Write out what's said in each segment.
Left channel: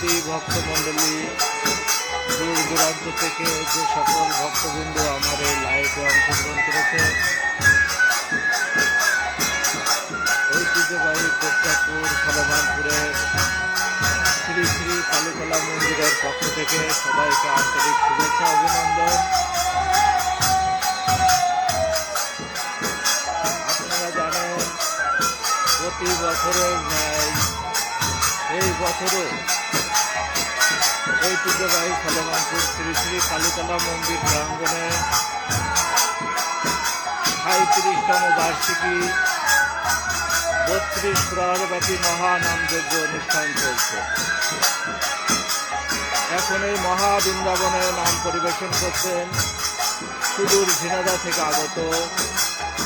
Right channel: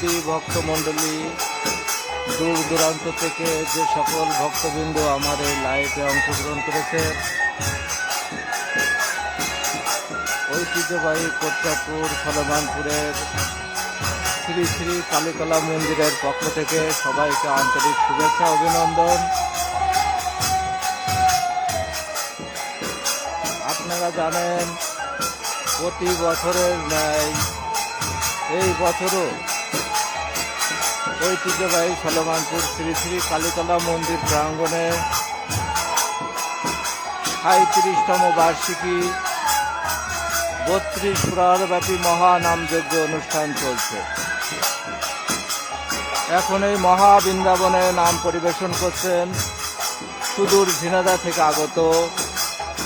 সুধী ভক্তমণ্ডলী, দূর দূরান্ত থেকে যে সকল ভক্তবৃন্দ আমার এই লাইভে অংশগ্রহণ করেছে, ঐতিহ্যবাহী কোটচাঁদপুর সলমানপুরের শ্রী শ্রী কালীতলা মন্দিরের পক্ষ থেকে সবাইকে আন্তরিক শুভেচ্ছা অভিনন্দন। আপনারা জানেন, প্রতি বছরের ন্যায় এই বছরও ঐতিহ্যবাহী সলমানপুর শ্রী শ্রী কালীতলা মন্দির প্রাঙ্গণে ৩৭তম বার্ষিকী ৩২ প্রহরব্যাপী মহানামযজ্ঞ অনুষ্ঠান চলছে। এখন এই মহাবৃন্দাবনে নাম পরিবেশন করছেন সুদূর ঝিনাইদহ থেকে আগত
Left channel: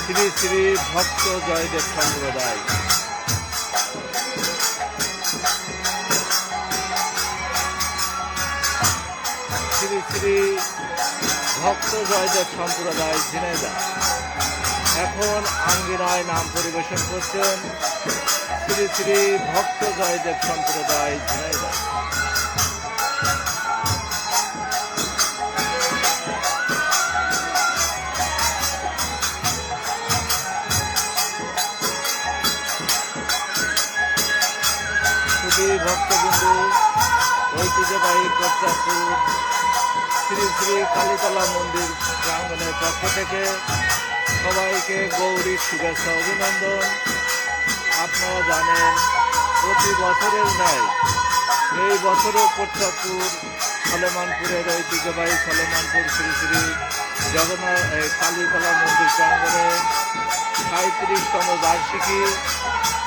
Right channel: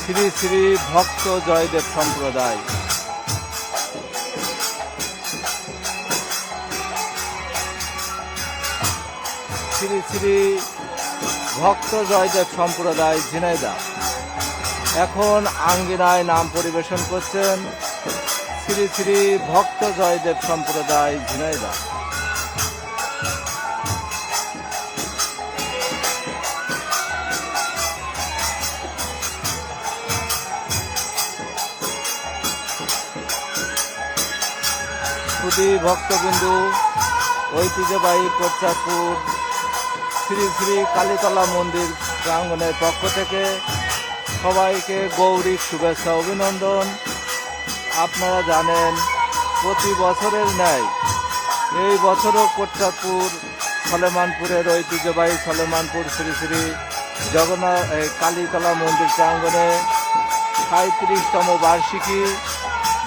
শ্রী শ্রী ভক্ত জয়দেব সম্প্রদায়। শ্রী শ্রী ভক্ত জয়দেব সম্প্রদায় ঝিনাইদহ এখন আঙ্গিনায় নাম পরিবেশন করছেন শ্রী শ্রী ভক্ত জয়দেব সম্প্রদায় ঝিনাইদহ। সুধী ভক্তবিন্দু, ঐতিহ্যবাহী কোটচাঁদপুর শ্রী শ্রী কালীতলা মন্দির প্রাঙ্গণের পক্ষ থেকে সবাইকে গৌরী শুভেচ্ছা অভিনন্দন। আপনারা জানেন, প্রতি বছরের ন্যায় এই বছরও কোটচাঁদপুর সলেমানপুরের ঐতিহ্যবাহী সলেমানপুর শ্রী শ্রী জগন্নাথ কালীতলা মন্দির প্রাঙ্গণে ৩৭তম বার্ষিকী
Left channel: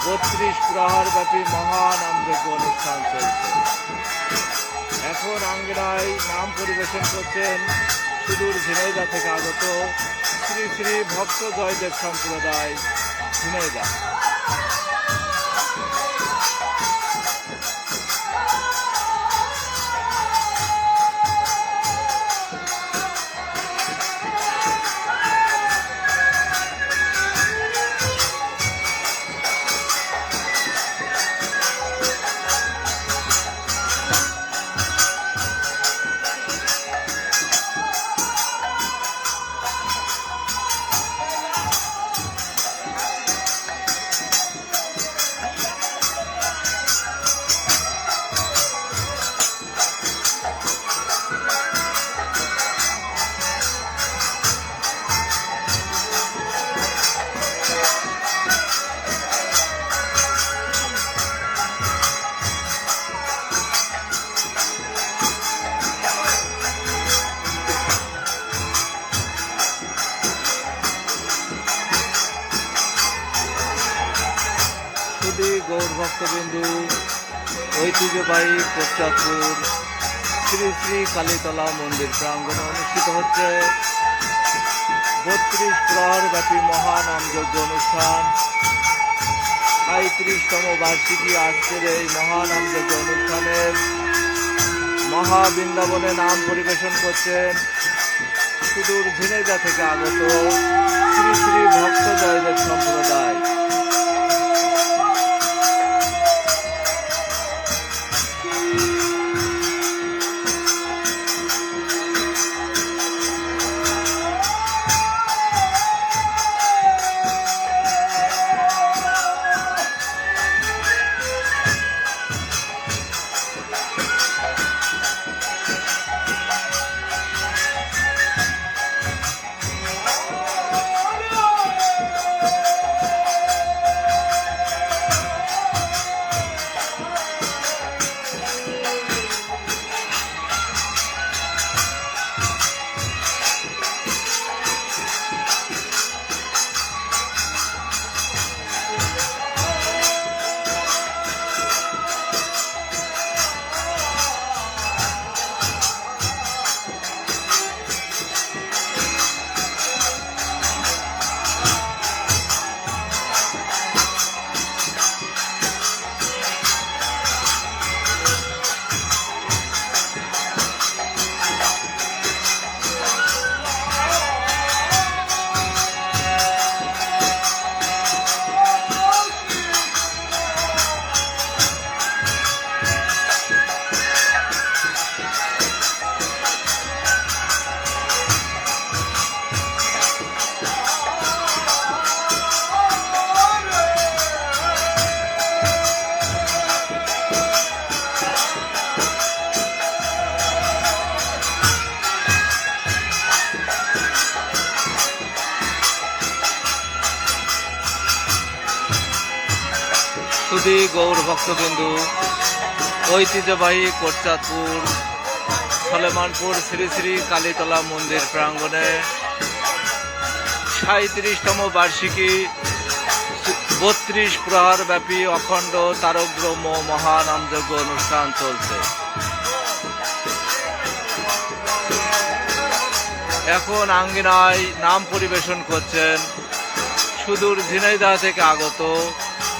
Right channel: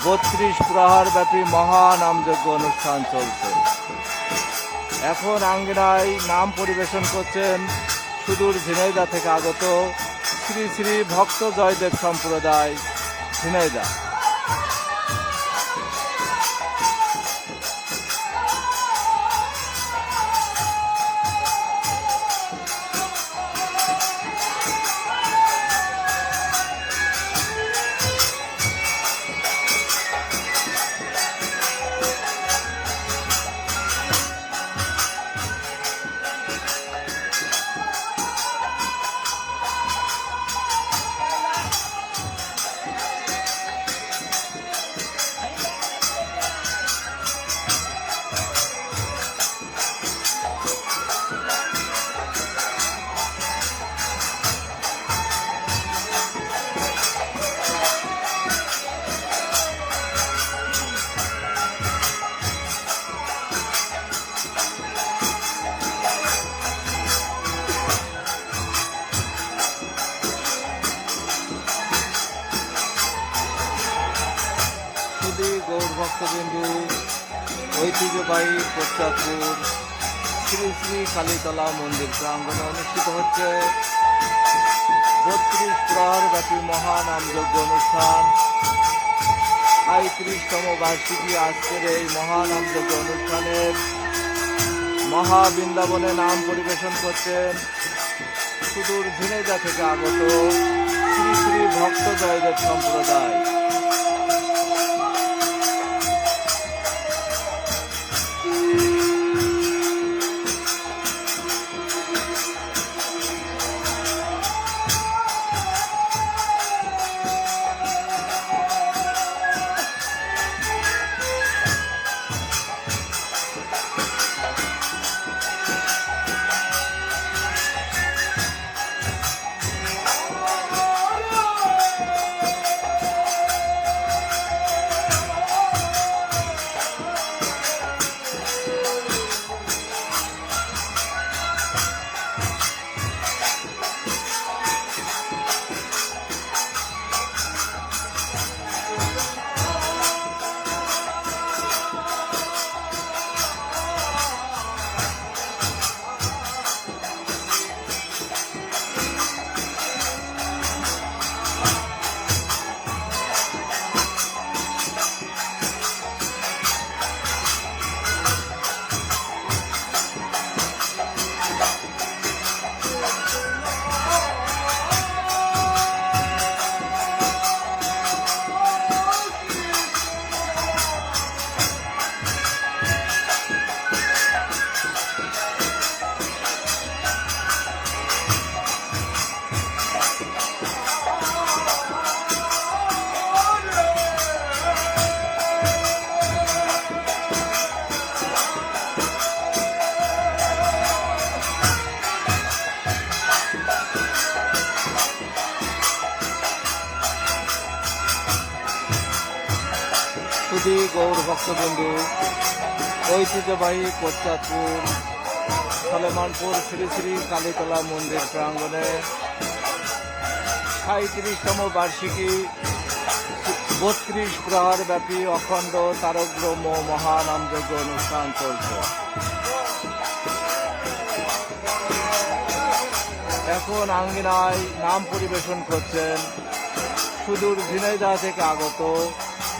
৩২ প্রহরব্যাপী মহানামযজ্ঞ অনুষ্ঠান চলছে। এখন আঙ্গিনায় নাম পরিবেশন করছেন সুদূর ঝিনাইদহ থেকে আগত শ্রী শ্রী ভক্ত জয়দেব সম্প্রদায় ঝিনাইদহ। গৌর ভক্তবিন্দু, ঐতিহ্যবাহী কোটচাঁদপুর শ্রী শ্রী কালীতলা মন্দির প্রাঙ্গণে অনুষ্ঠিত হচ্ছে ৩২ প্রহরব্যাপী মহানামযজ্ঞ অনুষ্ঠান। ৩৭তম বার্ষিকী আজকের এই মহানামযজ্ঞ অনুষ্ঠানের মহাবৃন্দাবনে নাম পরিবেশন করছেন সুদূর ঝিনাইদহ থেকে আগত শ্রী শ্রী ভক্ত জয়দেব সম্প্রদায়। সুধী গৌর ভক্তবিন্দু, ঐতিহ্যবাহী কোটচাঁদপুর সলেমানপুর শ্রী শ্রী কালীতলা মন্দির প্রাঙ্গণে ৩৭তম বার্ষিকী ৩২ প্রহর ব্যাপী অখণ্ড তারক ব্রহ্ম মহানামযজ্ঞ অনুষ্ঠান চলছে। এখন আঙ্গিনায় নাম পরিবেশন করছেন সুদূর ঝিনাইদহ থেকে আগত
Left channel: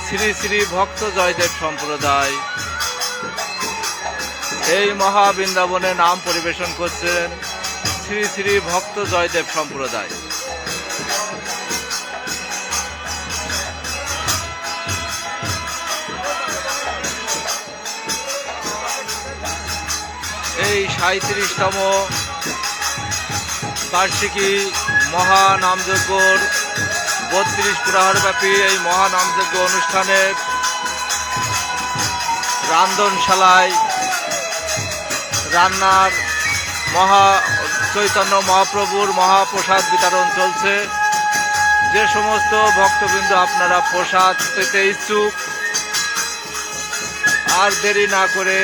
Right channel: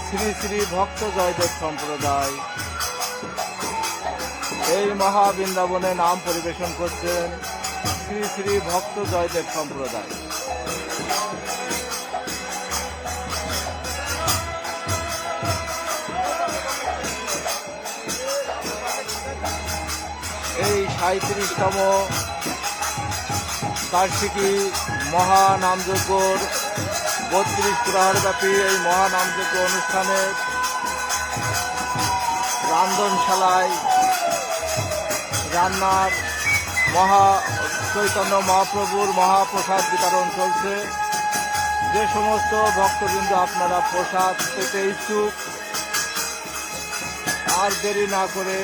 শ্রী শ্রী ভক্ত জয়দেব সম্প্রদায়। এই মহাবৃন্দাবনে নাম পরিবেশন করছেন শ্রী শ্রী ভক্ত জয়দেব সম্প্রদায়। এই ৩৭তম বার্ষিকী মহানামযজ্ঞর ৩২ প্রহর ব্যাপী এই মহানামযজ্ঞ অনুষ্ঠানের রান্ধনশালায় রান্নার চৈতন্য মহাপ্রভুর মহাপ্রসাদ বিতরণ চলছে। যে সমস্ত ভক্তবৃন্দ আপনারা প্রসাদ পেতে ইচ্ছুক, আর দেরি না করে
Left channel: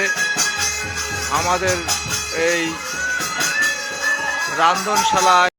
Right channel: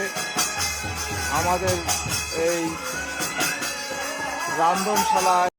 আমাদের এই রান্ধনশালায়